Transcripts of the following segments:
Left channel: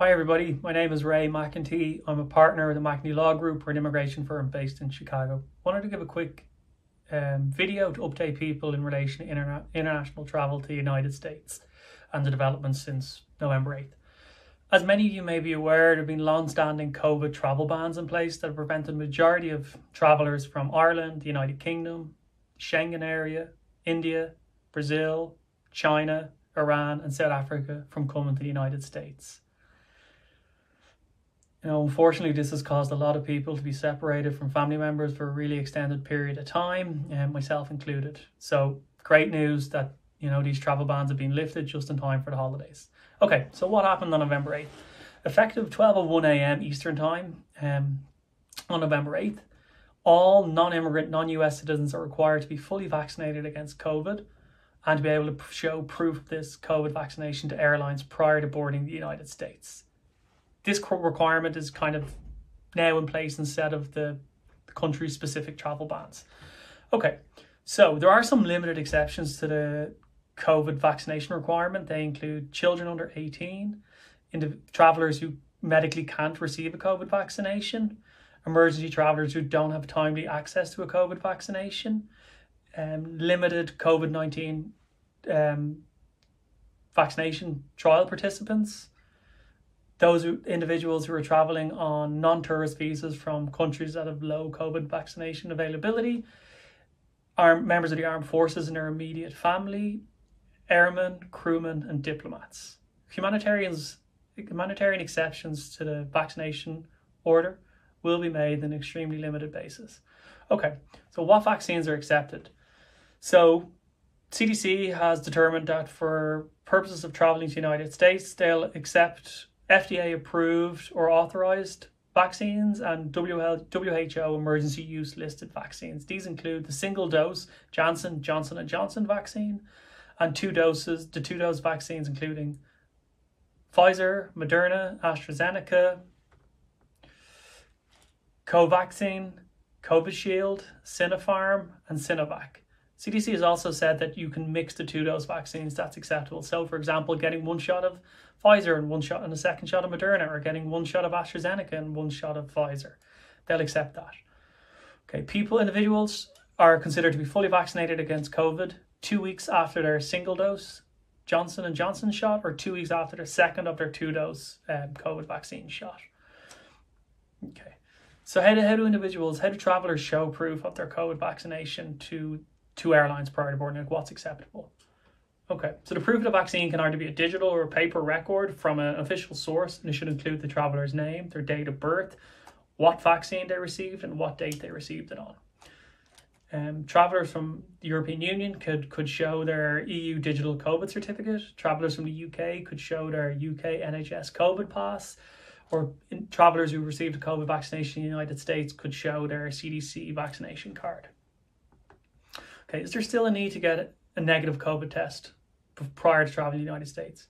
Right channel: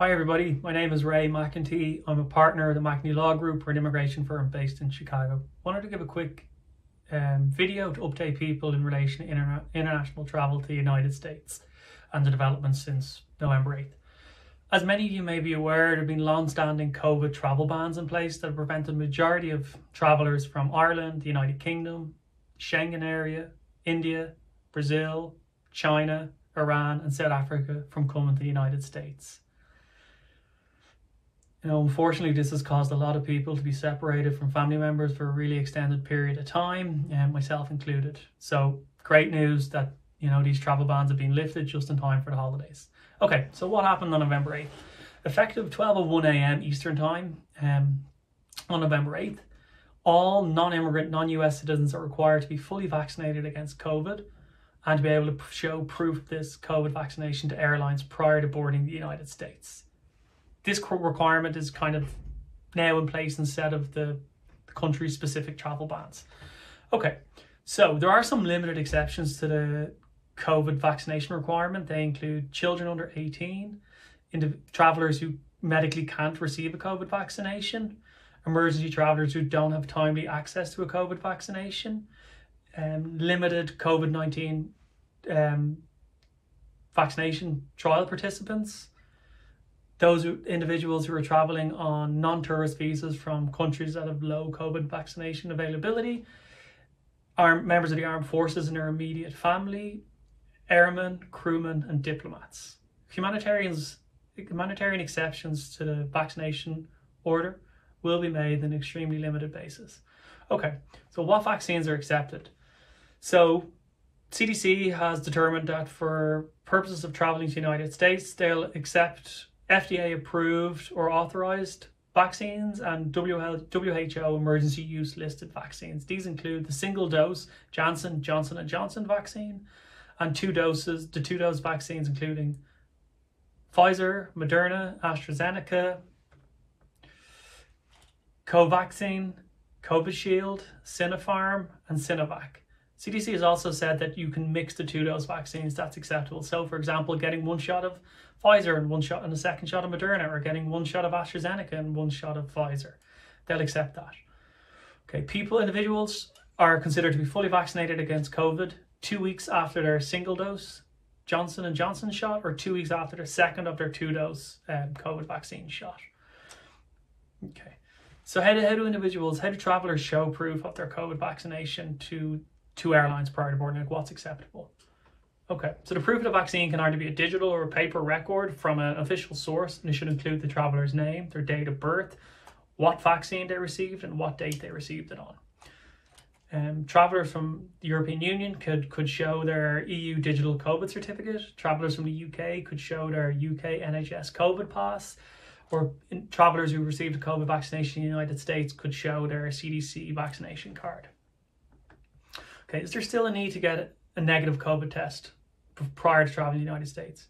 Hi everybody, my name is Ray McEntee. I'm a partner of the McEntee Law Group. We're an immigration firm based in Chicago. Wanted to give a quick video to update people in relation to international travel to the United States and the developments since November 8th. As many of you may be aware, there have been long-standing COVID travel bans in place that have prevented the majority of travellers from Ireland, the United Kingdom, Schengen area, India, Brazil, China, Iran and South Africa from coming to the United States. Unfortunately, this has caused a lot of people to be separated from family members for a really extended period of time, and myself included. So great news that, these travel bans have been lifted just in time for the holidays. Okay, so what happened on November 8th? Effective 12:01 a.m. Eastern Time on November 8th, all non-immigrant, non-US citizens are required to be fully vaccinated against COVID and to be able to show proof of this COVID vaccination to airlines prior to boarding the United States. This requirement is kind of now in place instead of the country's specific travel bans. Okay, so there are some limited exceptions to the COVID vaccination requirement. They include children under 18, travellers who medically can't receive a COVID vaccination, emergency travellers who don't have timely access to a COVID vaccination, limited COVID-19 vaccination trial participants, those individuals who are travelling on non-tourist visas from countries that have low COVID vaccination availability, members of the armed forces and their immediate family, airmen, crewmen and diplomats. Humanitarian exceptions to the vaccination order will be made on an extremely limited basis. Okay, so what vaccines are accepted? So CDC has determined that for purposes of travelling to the United States, they'll accept FDA approved or authorized vaccines and WHO emergency use listed vaccines. These include the single dose Johnson & Johnson vaccine and the 2-dose vaccines including Pfizer, Moderna, AstraZeneca, Covaxin, Covishield, Sinopharm and Sinovac. CDC has also said that you can mix the 2-dose vaccines, that's acceptable. So for example, getting one shot of Pfizer and a second shot of Moderna, or getting one shot of AstraZeneca and one shot of Pfizer. They'll accept that. Okay, individuals are considered to be fully vaccinated against COVID 2 weeks after their single dose Johnson & Johnson shot or 2 weeks after their second of their 2-dose COVID vaccine shot. Okay, so how do travellers show proof of their COVID vaccination to airlines prior to boarding? What's acceptable? Okay, so the proof of the vaccine can either be a digital or a paper record from an official source, and it should include the traveller's name, their date of birth, what vaccine they received, and what date they received it on. Travellers from the European Union could show their EU digital COVID certificate. Travellers from the UK could show their UK NHS COVID pass, or travellers who received a COVID vaccination in the United States could show their CDC vaccination card. Okay, is there still a need to get a negative COVID test prior to travel to the United States?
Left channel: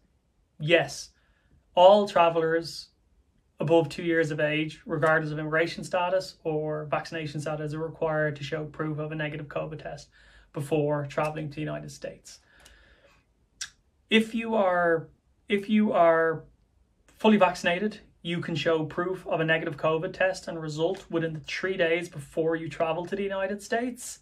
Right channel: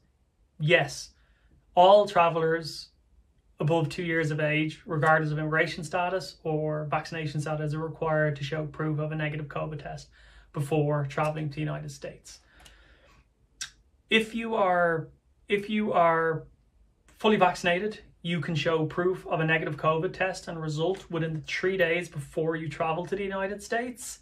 Yes. All travellers above 2 years of age, regardless of immigration status or vaccination status, are required to show proof of a negative COVID test before travelling to the United States. If you are fully vaccinated, you can show proof of a negative COVID test and result within 3 days before you travel to the United States.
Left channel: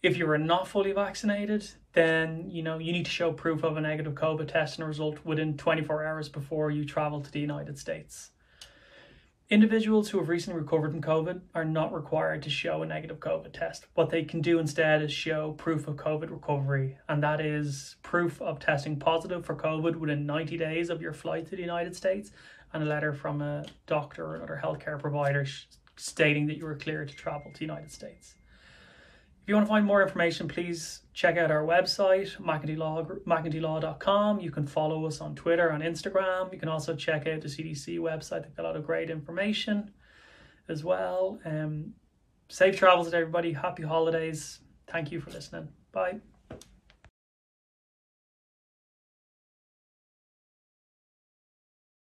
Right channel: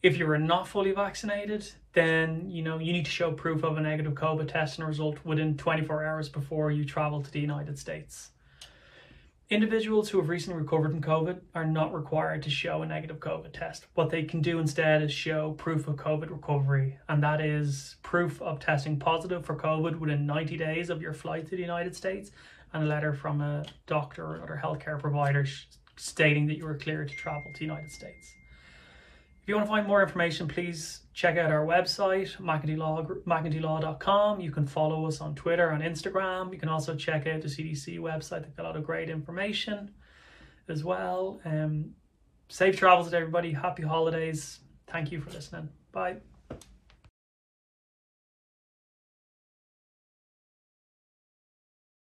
If you are not fully vaccinated, then you need to show proof of a negative COVID test and result within 24 hours before you travel to the United States. Individuals who have recently recovered from COVID are not required to show a negative COVID test. What they can do instead is show proof of COVID recovery, and that is proof of testing positive for COVID within 90 days of your flight to the United States and a letter from a doctor or another healthcare provider stating that you were cleared to travel to the United States. If you want to find more information, please check out our website, McEnteeLaw.com. You can follow us on Twitter and Instagram. You can also check out the CDC website. They've got a lot of great information as well. Safe travels to everybody. Happy holidays. Thank you for listening. Bye.